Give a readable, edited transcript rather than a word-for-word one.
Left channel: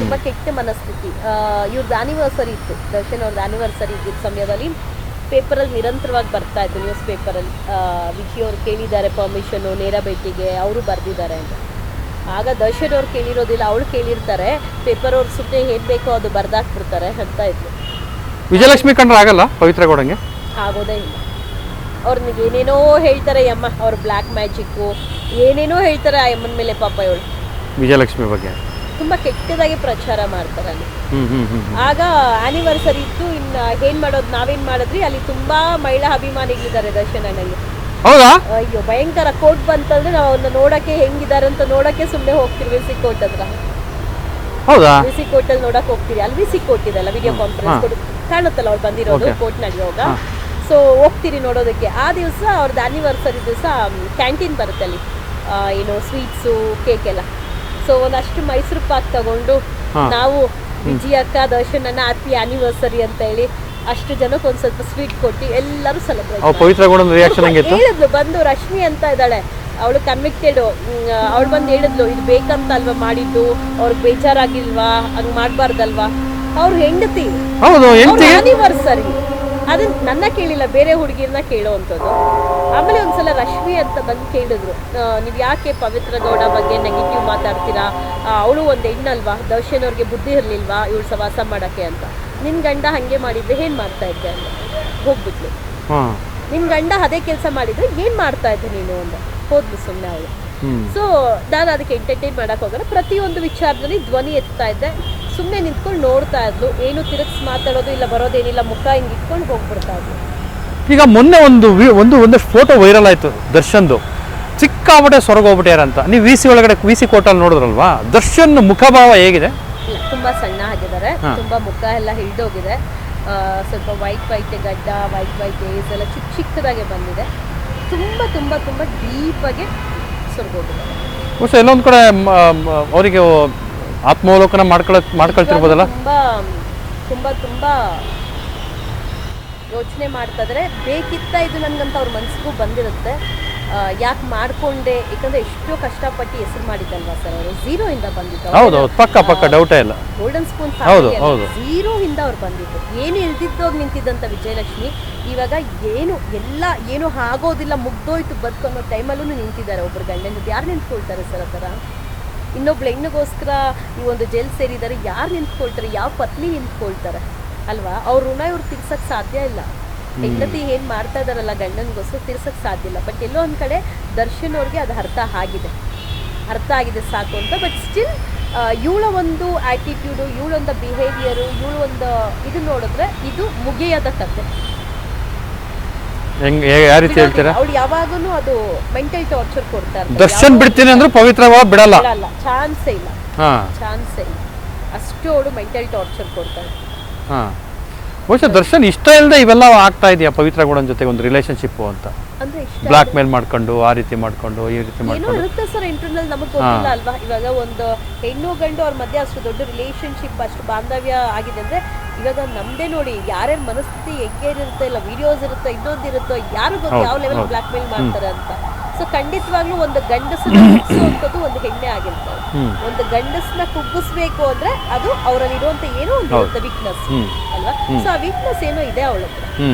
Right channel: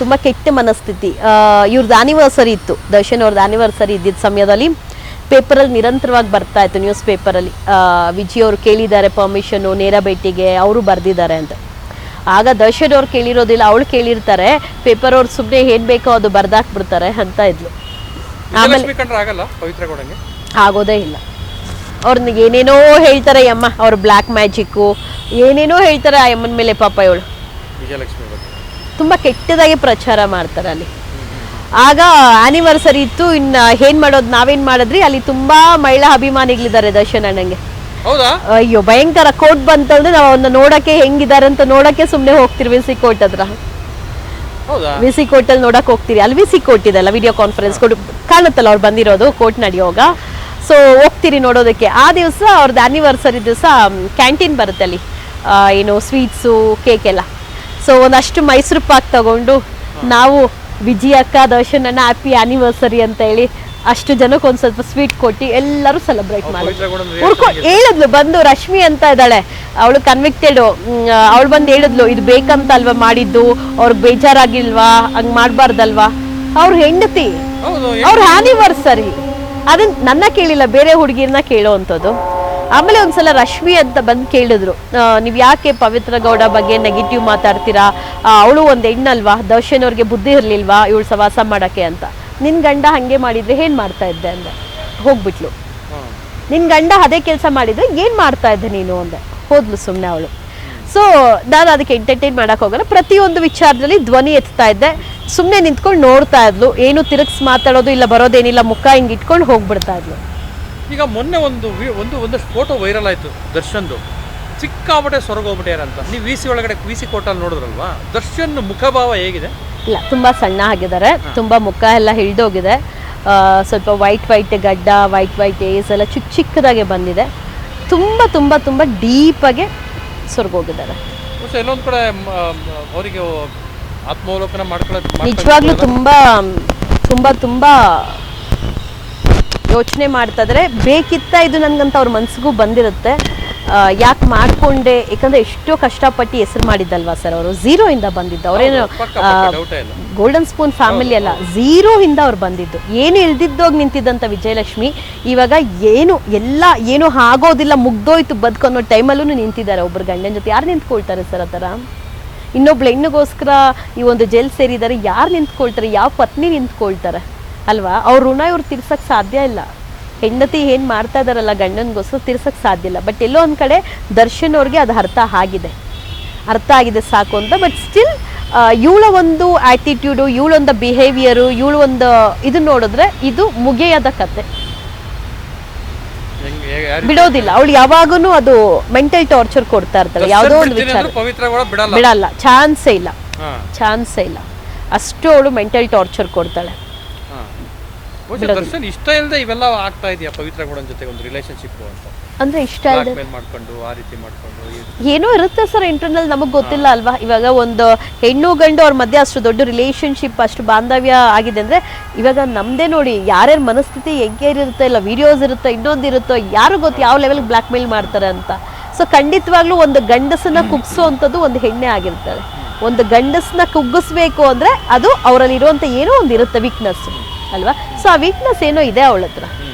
ತುಂಬಾ ಕೆಟ್ಟ ಮನಸ್ಥಿತಿ. ಇವ್ರದ್ದು ಆನಿವರ್ಸರಿ ಇತ್ತು, ದರ್ಶನ್ ಅವ್ರದ್ದು ಆನಿವರ್ಸರಿ ಇದ್ದಿದ್ದ ಸಮಯದಲ್ಲಿ ಪೇಪರಲ್ಲಿ ನಿರಂತರವಾಗಿ ಬರ್ತಾ ಇತ್ತು, ನ್ಯೂಸ್ ಪೇಪರಲ್ಲಿ ವಿಜಯ್ ಅವರು ಕೇಳಿದ್ದಾರೆ ಪರ್ಮಿಷನ್ ನೇರ ಭೇಟಿಗೆ, ಅವರು ಬರ್ದಿದ್ದಾರೆ ಅಂತ. ಆಗ ದರ್ಶನ್ ಅವ್ರು ಕೇಳಿರೋದಿಲ್ಲ, ಅವಳು ಕೇಳಿರ್ತಾರೆ, ಪೇಪರ್ ಅವ್ರು ಸುಮ್ಮನೆ ಏನ್ ಬೇಕೋ ಅದು ಬರ್ದಾಕ್ಬಿಡ್ತಾರೆ ಅಂತ ಇದ್ಲು. ವಿಜಯಲಕ್ಷ್ಮಿ ಕಂಡ್ರೆ ಆಗಲ್ಲ ಪವಿತ್ರ ಗೌಡಂಗೆ? ಆಗೋದೇ ಇಲ್ಲ. ಅವ್ರನ್ನ ಏನೇನೋ ಹೇಳ್ತಾರೆ ಅಮ್ಮ, ಅವ್ರ ಬ್ಲ್ಯಾಕ್ ಮ್ಯಾಜಿಕ್ಕು ಏನೇನೋ ಹೇಳ್ತಾರೆ ಆ ಅಮ್ಮನ ಮೇಲೆ. ಪಾಪ ಇವಳು ವಿಜಯಲಕ್ಷ್ಮಿ ಬಗ್ಗೆ ತುಂಬಾ ಕೆಟ್ಟದಾಗಿ ಪ್ರಚಾರ ಮಾಡ್ತಾರೆ ಅಲ್ಲಿ. ಆಗ ಆನಿವರ್ಸರಿ ಇತ್ತು, ಇನ್ನ ಏನ್ ಮಾಡೋದು, ನಾವೇನ್ ಮಾಡಿದ್ರಿ, ಅಲ್ಲಿ ತುಂಬಾ ಮಹಿಳಾ ಅಭಿಮಾನಿಗಳಿದ್ದಾರೆ ದರ್ಶನ್ ಅಣ್ಣಂಗೆ. ಹೌದಾ? ಅಯ್ಯೋ ಭಯಂಕರ. ಕೋರ್ಟ್ ಬಂತಂದ್ರೆ ನಾವು ಅವನ್ನ ನೋಡಕ್ಕೆ ಹೆಂಗಿದ್ದಾರೆ ಅಂತ ನೋಡಕ್ಕೆ ಸುಮ್ನೆ ಹೋಗ್ತಿರಿ ವಿಸಿ ಕೋರ್ಟ್ ಹತ್ರ. ಹೌದಾ? ವಿಸಿ ಕೋರ್ಟ್ ಅಲ್ಲಿ ನೋಡಕ್ ಹೋಗ್ತೀರಿ, ಅಲ್ಲಿ ವಿಸಿ ಕೋರ್ಟ್ ಇದೆಲ್ಲ, ವಿಡಿಯೋ ಕಾನ್ಫರೆನ್ಸ್ ಕಾಣುತ್ತಲ್ಲ ಅವ್ರು ಬಂದಿರೋದು ಕೋರ್ಟ್ ನಡೆಯುವಾಗ. ಸೊ ಹೋಗ್ತೀರಿ ನೋಡೋದಕ್ಕೆ. ಆ ದಿವಸ ಅವ್ರದ್ದು ಆನಿವರ್ಸರಿ ದಿವಸ ಕ್ಯಾಂಟೀನ್ ಬರುತ್ತೆ ಅಲ್ಲಿ, ಏನು ಸ್ವೀಟ್ಸು ಕೇಕ್ ಎಲ್ಲ. ಸೊ ಒಂದಷ್ಟು ಮೈಸೂರು ಪಾಕ್ ತಗೊಂಡು ನಾವು ವಿಜಯ ಅಕ್ಕ ದರ್ಶನ್ ಅಣ್ಣ ಹ್ಯಾಪಿ ಆನಿವರ್ಸರಿ ಅಂತ ಹೇಳಿ ಅಷ್ಟು ಜನಕ್ಕೆ ಒಂದ್ ಸ್ವಲ್ಪ ಸ್ವೀಟ್ ಕೊಟ್ಟು ಎಲ್ಲರೂ ಸೆಲೆಬ್ರೇಟ್ ಹೇಳಿದ್ಲು. ಬಂದು ರಶ್ಮಿ ಅಂತ ಇದ್ದಾಳೆ, ಅವಳು ಕನ್ವಿಕ್ಟೆಡ್, ಅವಳು ಬಂದು ಹೇಳಿದ್ಲು ಇದು ಬೇಕಂತ ಅಲ್ವಾ ಮಾಡಿದ್ದು, ಅವ್ರಿಗೆ ಬೇಜಾರಾಗಿಲ್ವಾ, ಹಂಗ್ ಮಾಡ್ಬಾರ್ದಲ್ವಾ, ಅವ್ರ ಹೆಂಡತಿ ಅವ್ರ ಆನಿವರ್ಸರಿ. ಅದನ್ನ ನನ್ನ ಕೇಳಿಲ್ಲ, ಬೇರೆ ಹುಡುಗಿರ್ನ ಕೇಳೋ ಅಂತದ್ದು. ಆಮೇಲೆ ಒಂದ್ಸಲ ರಶ್ಮಿ ಅಂತ ಬಂದು ಕೇಳಿದ್ರು, ನೀವ್ ಯಾಕೆ ಪವಿತ್ರ ಗೌಡ ಬಗ್ಗೆ ನೆಗೆಟಿವ್ ಮಾತಾಡ್ತೀರಾ, ಅವಳು ಒಂದ್ ಹೆಣ್ಣಲ್ವಾ, ದರ್ಶನ್ ಅವ್ರಿಗೆ ಬುದ್ಧಿ ಇರ್ಲಿಲ್ವಾ ಇವಳು ಸವಾಸ ಮಾಡಕ್ಕೆ ಅಂತ. ನಿನ್ ಗಂಡ ಹಂಗೆ ಮಾಡಿದ್ರೆ ಏನ್ ಮಾಡ್ತಾ ಇದ್ದೆ ಅಂದೆ. ಹೋಗ್ಬಿಟ್ಲು. ನಿನ್ ಗಂಡ ಅದೇ ಕೆಲಸ ಮಾಡಿದ್ರೆ ಏನ್ ಮಾಡ್ತಾ ಇದ್ದೆ ನೀನು ಅಂದೆ. ಹೋದ್ಲು ಸುಮ್ನೆ ಅವಳು. ಸೊ ನಾನು ಅದಕ್ಕೆ ಎಂಟರ್ಟೈನ್ ಮಾಡಕ್ ಹೋಗಲ್ಲ, ಪ್ರತಿಯೊಂದು ವಿಚಾರದಲ್ಲಿ ಧ್ವನಿ ಎತ್ತಾ ಇದ್ದೆ. ಸುಮ್ನೆ ನಿಂತ್ಕೊಂಡು ನೋಡ್ತಾ ಇದ್ಲು, ಏನು ತಿರುಗಿಸ್ ಮಾತಾಡೋದು ಇಲ್ಲ, ಬರೋದೇನಿಲ್ಲ, ಮುಖ ಹಿಂಗ್ ಇಟ್ಕೊಂಡು ಹೋಗ್ಬಿಡ್ತಾ ಇದ್ಲು. ಈಗ ಮೊನ್ನೆ ಒಂದು ಫೋಟೋ ವೈರಲ್ ಆಯ್ತು ದರ್ಶನ್ದು, ಸಿಕ್ಕಾಪಟ್ಟೆ ಸೊರಗೋಗ್ಬಿಟ್ಯಾರ ಅಂತ. ನೀವು ವಿ ಸಿ ಒಳಗಡೆ ವಿ ಸಿ ಕೋಟಲ್ಲಿ ನೋಡಿದ್ರಲ್ವಾ, ದರ್ಶನ್ ಮುಖಭಾವ ಹೇಗಿದೆ? ಇಲ್ಲ, ತುಂಬಾ ಸಣ್ಣ ಆಗಿದ್ದಾರೆ, ತುಂಬಾ ಮುಖ ಎಲ್ಲ ಹಿಳ್ದೋಗಿದೆ, ಸ್ವಲ್ಪ ವೈಟ್ ಗಡ್ಡ, ವೈಟ್ ಏಸ್ ಎಲ್ಲ ಚಿಕ್ಕದಾಗೆ ಬಂದಿದೆ, ತುಂಬಾ ತುಂಬಾ ತುಂಬಾ ಡೀಪ್ ಆಗಿ ಸೊರಗೋಗಿದ್ದಾರೆ. ಎಲ್ಲೊಂದ್ ಕಡೆ ಅವರಿಗೆ ಆತ್ಮಾವಲೋಕನ ಮಾಡ್ಕೊಳ್ತಿರ್ಬೋದಲ್ಲ. ತುಂಬಾ ತುಂಬಾ ಯೋಚನೆ ಮಾಡ್ತಾ ಇದ್ರೆ, ಬೇಕಿತ್ತ ಇದು ನನ್ಗಂತ ಅವ್ರ ಮನ್ಸಿಗೂ ಬಂದಿರುತ್ತೆ. ಯಾಕೆ ಮಾಡ್ಕೊಂಡೆ, ಯಾಕಂದ್ರೆ ಎಷ್ಟೋ ಕಷ್ಟಪಟ್ಟು ಹೆಸರು ಮಾಡಿದ್ದಲ್ವಾ ಸರ್, ಅವರು ಝೀರೋ ಇಂದ ಬಂದಿದ್ದು. ಗೋಲ್ಡನ್ ಸ್ಪೂನ್ ಫ್ಯಾಮಿಲಿ ಅಲ್ಲ, ಝೀರೋ ಇಂದ ಅವ್ರು ಬಂದಿದ್ದು, ಏನು ಇಲ್ದಿದ್ದೋಗಿ ನಿಂತಿದ್ದಂತ ವಿಜಯಲಕ್ಷ್ಮಿ ಇವಾಗ ಏನು ಆಗೋದಿಲ್ಲ, ಮುಗ್ದೋಯ್ತು ಬದುಕನ್ನೋ ಟೈಮಲ್ಲೂ ನಿಂತಿದ್ದಾರೆ ಒಬ್ರು ಗಂಡನ ಜೊತೆ. ಯಾರು ನಿಂತ್ಕೊಳ್ತಾರೆ ಸರ್ ಆ ಥರ? ಇನ್ನೊಬ್ಳು ಹೆಣ್ಣಿಗೋಸ್ಕರ ಈ ಒಂದು ಜೈಲ್ ಸೇರಿದ್ದಾರೆ, ಯಾರು ನಿಂತ್ಕೊಳ್ತಾರೆ, ಯಾವ ಪತ್ನಿ ನಿಂತ್ಕೊಳ್ತಾರೆ ಅಲ್ವಾ? ಅವ್ರ ಋಣ ಇವ್ರು ತೀರ್ಸಕ್ ಸಾಧ್ಯ ಇಲ್ಲ. ಹೆಂಡತಿ ಏನ್ ಮಾಡ್ತಾ ಇದಾರಲ್ಲ ಗಂಡನ್ಗೋಸ್ಕರ ತೀರ್ಸಕ್ ಸಾಧ್ಯ ಇಲ್ಲ. ಬಟ್ ಎಲ್ಲೋ ಒಂದ್ ಕಡೆ ದರ್ಶನ್ ಅವ್ರಿಗೆ ಅದು ಅರ್ಥ ಆಗಿದೆ ಸಾಕು ಅಂತ. ಬಟ್ ಸ್ಟಿಲ್ ಇವಳ ಒಂದು ಆಟಿಟ್ಯೂಡು, ಇವಳೊಂದು ಬಿಹೇವಿಯರು, ಇವಳು ಒಂದು ಇದು ನೋಡಿದ್ರೆ ಇದು ಮುಗಿಯದ ಕತೆ, ಬಿಡೋದಿಲ್ಲ. ಅವಳು ಯಾವಾಗೂನು ಅದು ಮೆಂಟಲ್ ಟಾರ್ಚರ್ ಕೊಡ್ತಾ ಇರ್ತಾರೆ, ಬಿಡಲ್ಲ, ಚಾನ್ಸೇ ಇಲ್ಲ. ಅಷ್ಟು ಅವಳು ಮೆಂಟಲ್ ಟಾರ್ಚರ್ ಕೊಡ್ತಾಳೆ. ದರ್ಶನ್ ಇಷ್ಟ ಇಲ್ಲದೆ ಇವೆಲ್ಲ ಆಗ್ತಾ ಇದೆಯಾ ಪವಿತ್ರ ಗೌಡನ್ ಜೊತೆ ಒಂದು ರಿಲೇಶನ್ಶಿಪ್ ಅಂತ? ಅಂದ್ರೆ ಇಷ್ಟ ಬ್ಲಾಕ್ ಮೇಲ್ ಮಾಡ್ಕೊಂಡು ಆ ರೀತಿ ಮಾಡ್ಕೊಂಡು ಏನೋ ಇರುತ್ತೆ ಸರ್ ಇಂಟರ್ನಲ್, ನಮಗ್ ಗೊತ್ತಿಲ್ಲ ಅಲ್ವಾ. ಇವಾಗ ಒಂದು ಹೆಣ್ಣು ಗಂಡು ಅವ್ರ ಮಧ್ಯೆ ಅಷ್ಟು ದೊಡ್ಡ ರಿಲೇಶನ್ಶಿಪ್, ಅಷ್ಟು ಬಾಂಧವ್ಯ ಆಗಿದೆ ಅಂದ್ರೆ ಇವಾಗ ನಮ್ದೇ ನೋಡಿ, ಯಾರ್ಯಾರ ಮನಸ್ಥಿತಿ ಹೆಂಗೆ ಇರುತ್ತೆ, ಇಲ್ಲ ವಿಡಿಯೋಸ್ ಇರುತ್ತೆ, ಇನ್ನೊಂದಿರುತ್ತೋ, ಯಾರು ಗೊತ್ತು ಯಾವ ಲೆವೆಲ್ ಬ್ಲಾಕ್ ಮೇಲ್ ಮಾಡ್ತಾರೆ ಅಂತ. ಸೊ ಖಂಡಿತವಾಗ್ಲೂ ಒಂದು ಗಂಡಸನ್ನ ಕುಗ್ಸುವಂಥದ್ದು ಒಂದು ಹೆಣ್ಣೆ ಆಗಿರ್ತಾರೆ. ಒಂದು ಗಂಡಸನ್ನ ಕುಗ್ಗಿಸ್ಬೇಕು ಅಂದ್ರೆ ಅದು ಅವರಲ್ಲಿ ಇರುವಂತ ಏನೋ ಒಂದು ಇರುತ್ತೆ ವೀಕ್ನೆಸ್ ಅಲ್ವಾ. ಸೊ ಆ ವೀಕ್ನೆಸ್ ಏನೋ ಇದೆ ಅವಳ ಹತ್ರ.